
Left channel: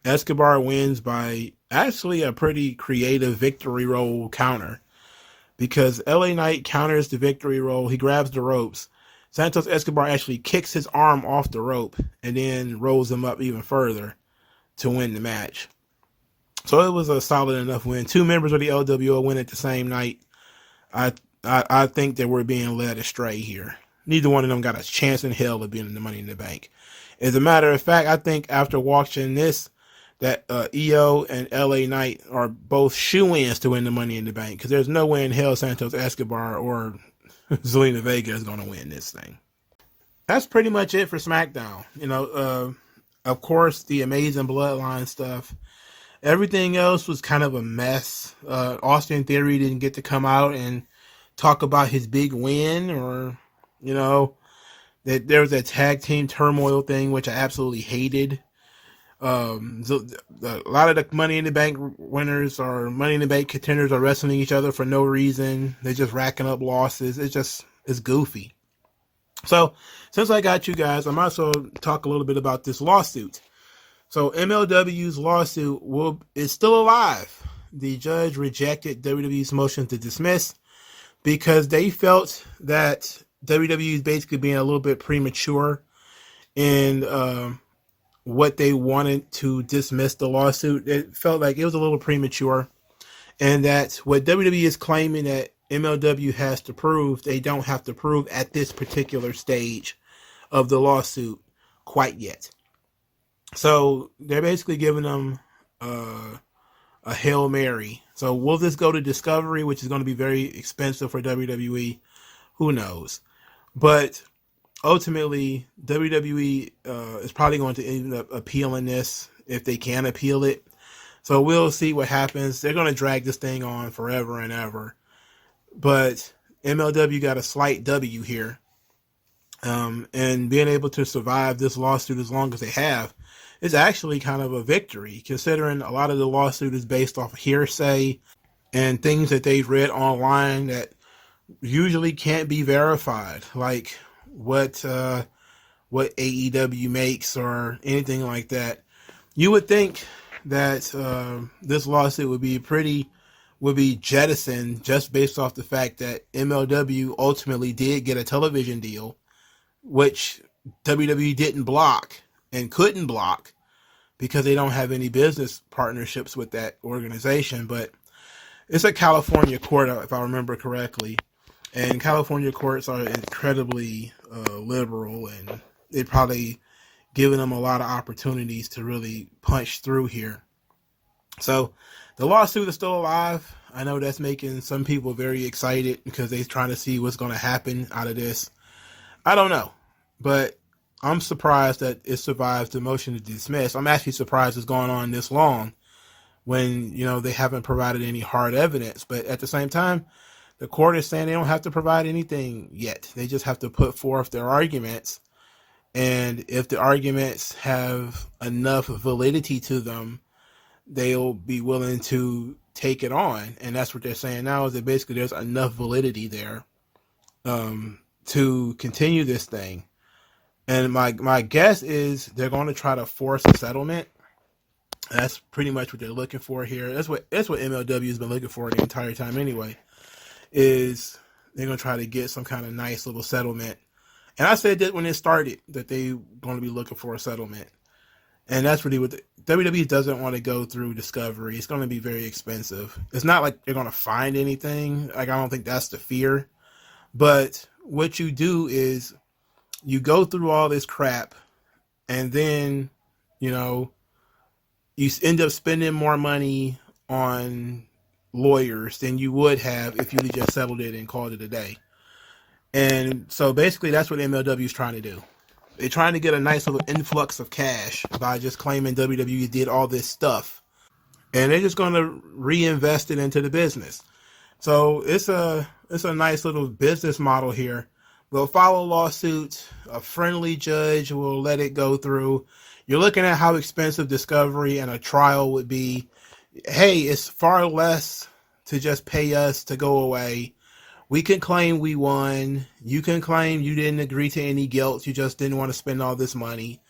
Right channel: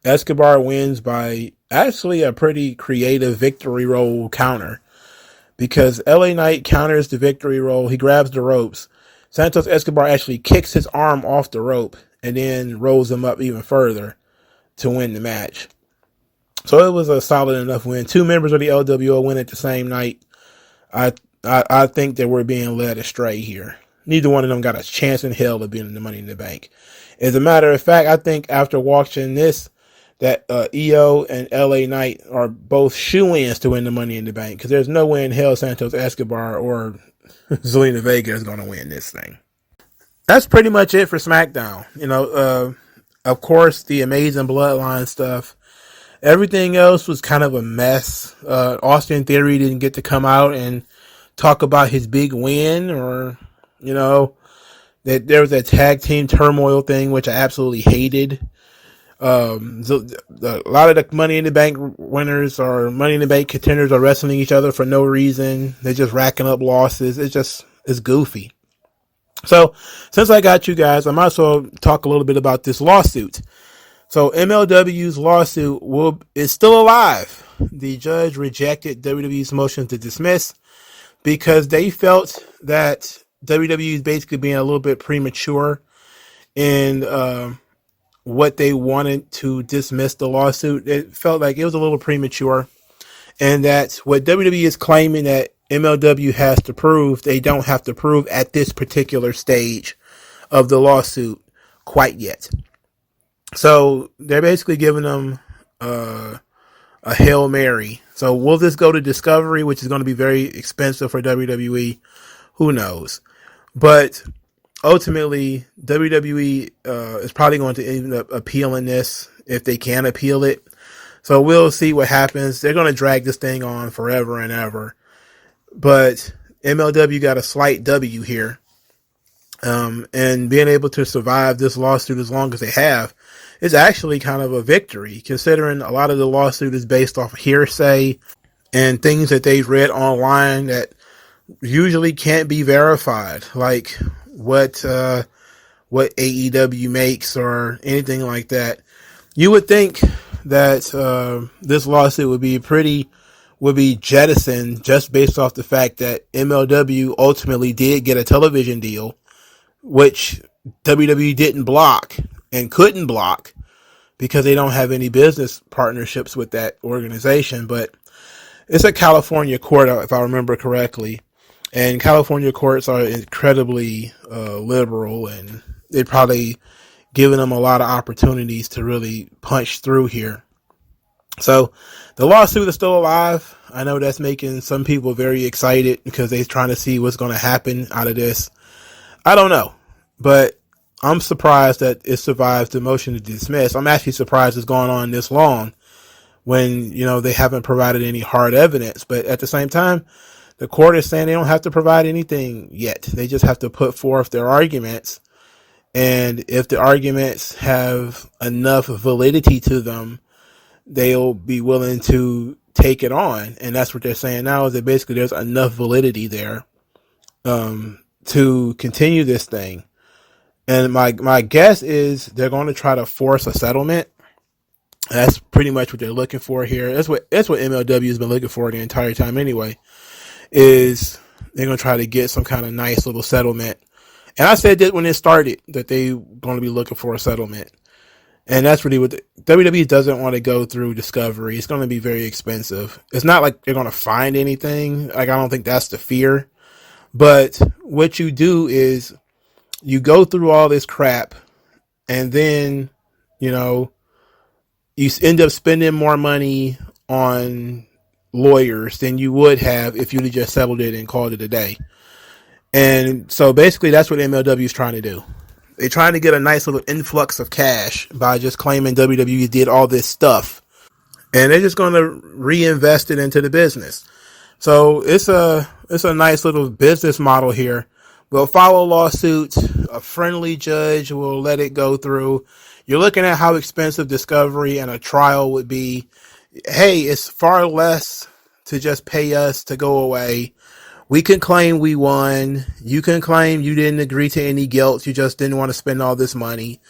Escobar wins by actually a pretty creative victory roll counter, because LA Knight counters the victory roll. He grabs the ropes. Santos Escobar actually kicks his arm off the rope and then rolls him up even further to win the match. So it was a solid enough win. 2 members of the LWO win at the same night. I think that we're being led astray here. Neither one of them got a chance in hell of being in the Money in the Bank. As a matter of fact, I think after watching this, that EO and LA Knight are both shoe-ins to win the Money in the Bank, because there's no way in hell Santos Escobar or Zelina Vega is going to win this thing. That's pretty much it for SmackDown. Of course, the amazing Bloodline stuff. Everything else was kind of a mess. Austin Theory didn't get to come out and talk about his big win, or, that there was a tag team turmoil thing, which I absolutely hated. A lot of the Money in the Bank winners or Money in the Bank contenders are wrestling each other for no reason. They're just racking up losses. It's goofy. So, since I got you guys, I might as well talk a little bit about this lawsuit. So, MLW's lawsuit is still alive. The judge rejected WWE's motion to dismiss because they felt that WWE is basically being a little bit premature in what they wanted to dismiss the lawsuit. It felt like it was a little premature, and that what WWE is claiming that MLW has to prove, they don't have to prove at this particular stage of the lawsuit quite yet. So they're basically giving them a Hail Mary. So will this go to Discovery, which is going to be very expensive for WWE? Who knows? But ultimately, WWE is probably going to end up appealing this if they can appeal it. So we'll see what happens. They're going to drag this thing on forever and ever. But MLW got a slight W here. And being able to survive this lawsuit as long as they have is actually kind of a victory, considering a lot of the lawsuit is based off hearsay and things that they've read online that usually can't be verified, like what AEW makes or anything like that. You would think that this lawsuit would be jettisoned just based off the fact that MLW ultimately did get a television deal, which WWE didn't block and couldn't block because they don't have any business partnerships with that organization. But it's a California court, if I remember correctly, and California courts are incredibly liberal, and they're probably giving them a lot of opportunities to really punch through here. So the lawsuit is still alive. I know that's making some people very excited because they're trying to see what's going to happen out of this. I don't know, but I'm surprised that it survives the motion to dismiss. I'm actually surprised it's gone on this long when, they haven't provided any hard evidence. But at the same time, the court is saying they don't have to provide anything yet. They just have to put forth their arguments. And if the arguments have enough validity to them, they'll be willing to take it on. And that's what they're saying now, is that basically there's enough validity there to continue this thing. And my guess is they're going to try to force a settlement. That's pretty much what they're looking for here. That's what MLW has been looking for the entire time anyway, is they're going to try to get some kind of nice little settlement. And I said that when it started, that they're going to be looking for a settlement. And that's really what WWE doesn't want to go through Discovery. It's going to be very expensive. It's not like they're going to find anything. Like, I don't think that's the fear. But what you do is you go through all this crap, and then, you know, you end up spending more money on lawyers than you would have if you'd have just settled it and called it a day. And so basically that's what MLW is trying to do. They're trying to get a nice little influx of cash by just claiming WWE did all this stuff. And they're just going to reinvest it into the business. So it's a nice little business model here. We'll follow lawsuits. A friendly judge will let it go through. You're looking at how expensive discovery and a trial would be. Hey, it's far less to just pay us to go away. We can claim we won. You can claim you didn't agree to any guilt. You just didn't want to spend all this money.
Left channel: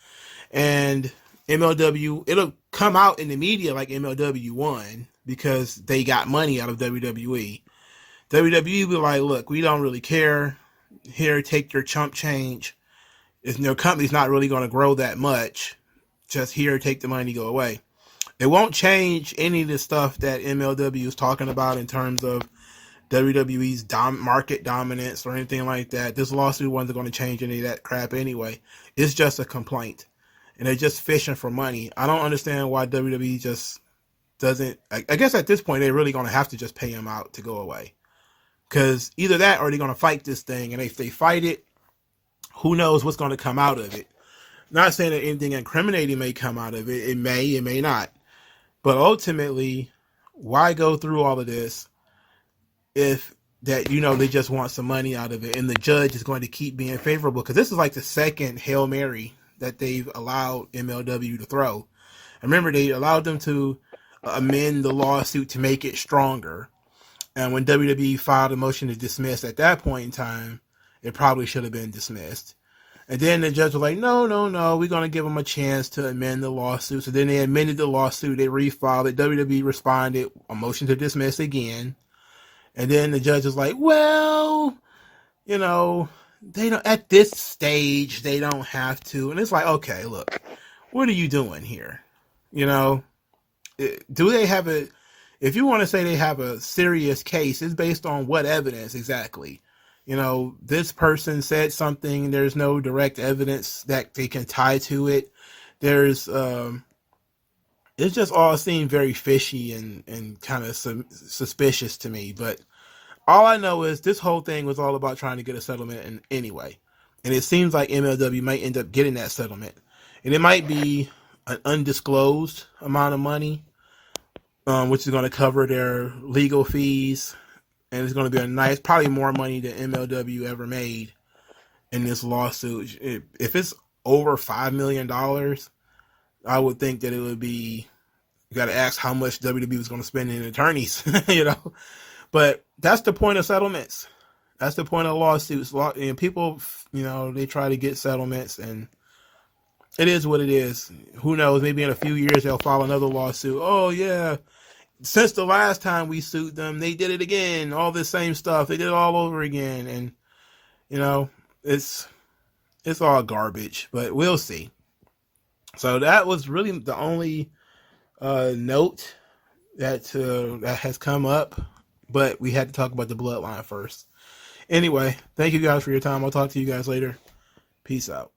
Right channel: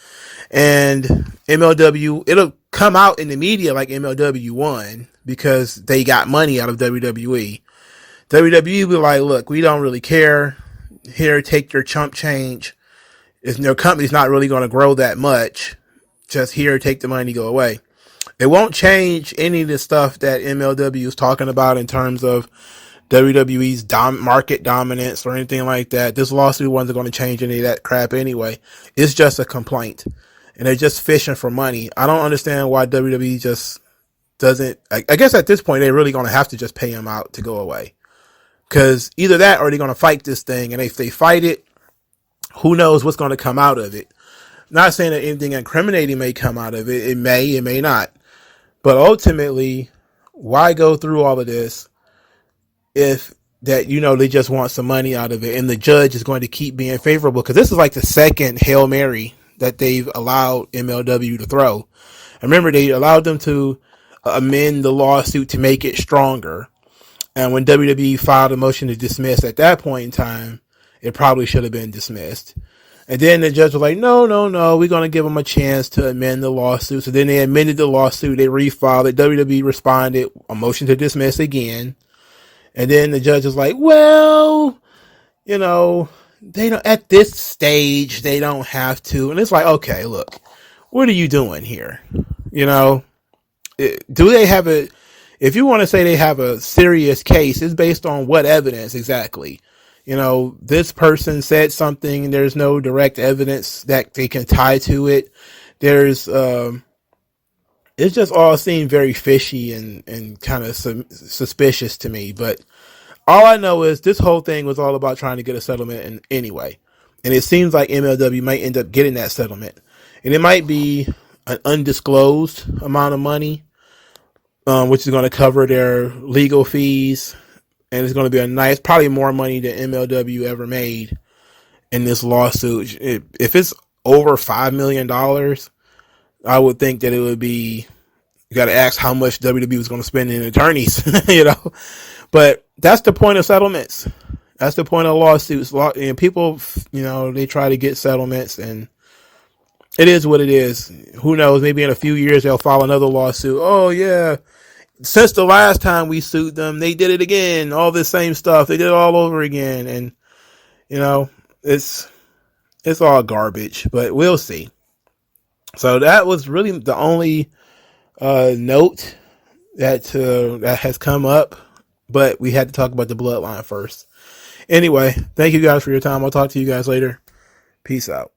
And MLW, it'll come out in the media like MLW won because they got money out of WWE. WWE will be like, look, we don't really care. Here, take your chump change. Your company's not really going to grow that much. Just here, take the money, go away. It won't change any of the stuff that MLW is talking about in terms of WWE's market dominance or anything like that. This lawsuit wasn't going to change any of that crap anyway. It's just a complaint. And they're just fishing for money. I don't understand why WWE just doesn't. I guess at this point, they're really going to have to just pay him out to go away. Because either that or they're going to fight this thing. And if they fight it, who knows what's going to come out of it. Not saying that anything incriminating may come out of it. It may not. But ultimately, why go through all of this if that, you know, they just want some money out of it and the judge is going to keep being favorable? Because this is like the second Hail Mary that they've allowed MLW to throw. And remember, they allowed them to amend the lawsuit to make it stronger. And when WWE filed a motion to dismiss at that point in time, it probably should have been dismissed. And then the judge was like, no, we're going to give them a chance to amend the lawsuit. So then they amended the lawsuit. They refiled it. WWE responded, a motion to dismiss again. And then the judge was like, well, you know, they don't, at this stage, they don't have to. And it's like, okay, look, what are you doing here? You know, do they have if you want to say they have a serious case, it's based on what evidence exactly? You know, this person said something, there's no direct evidence that they can tie to it. There's, it just all seemed very fishy and kind of suspicious to me. But all I know is this whole thing was all about trying to get a settlement anyway. And it seems like MLW might end up getting that settlement. And it might be an undisclosed amount of money, which is going to cover their legal fees. And it's going to be a nice, probably more money than MLW ever made in this lawsuit. If it's over $5 million, I would think that it would be, you got to ask how much WWE was going to spend in attorneys, you know. But that's the point of settlements. That's the point of lawsuits. And people, you know, they try to get settlements, and it is what it is. Who knows? Maybe in a few years they'll file another lawsuit. Oh, yeah. Since the last time we sued them, they did it again. All this same stuff. They did it all over again. And, you know, it's all garbage. But we'll see. So that was really the only note that has come up. But we had to talk about the Bloodline first. Anyway, thank you guys for your time. I'll talk to you guys later. Peace out.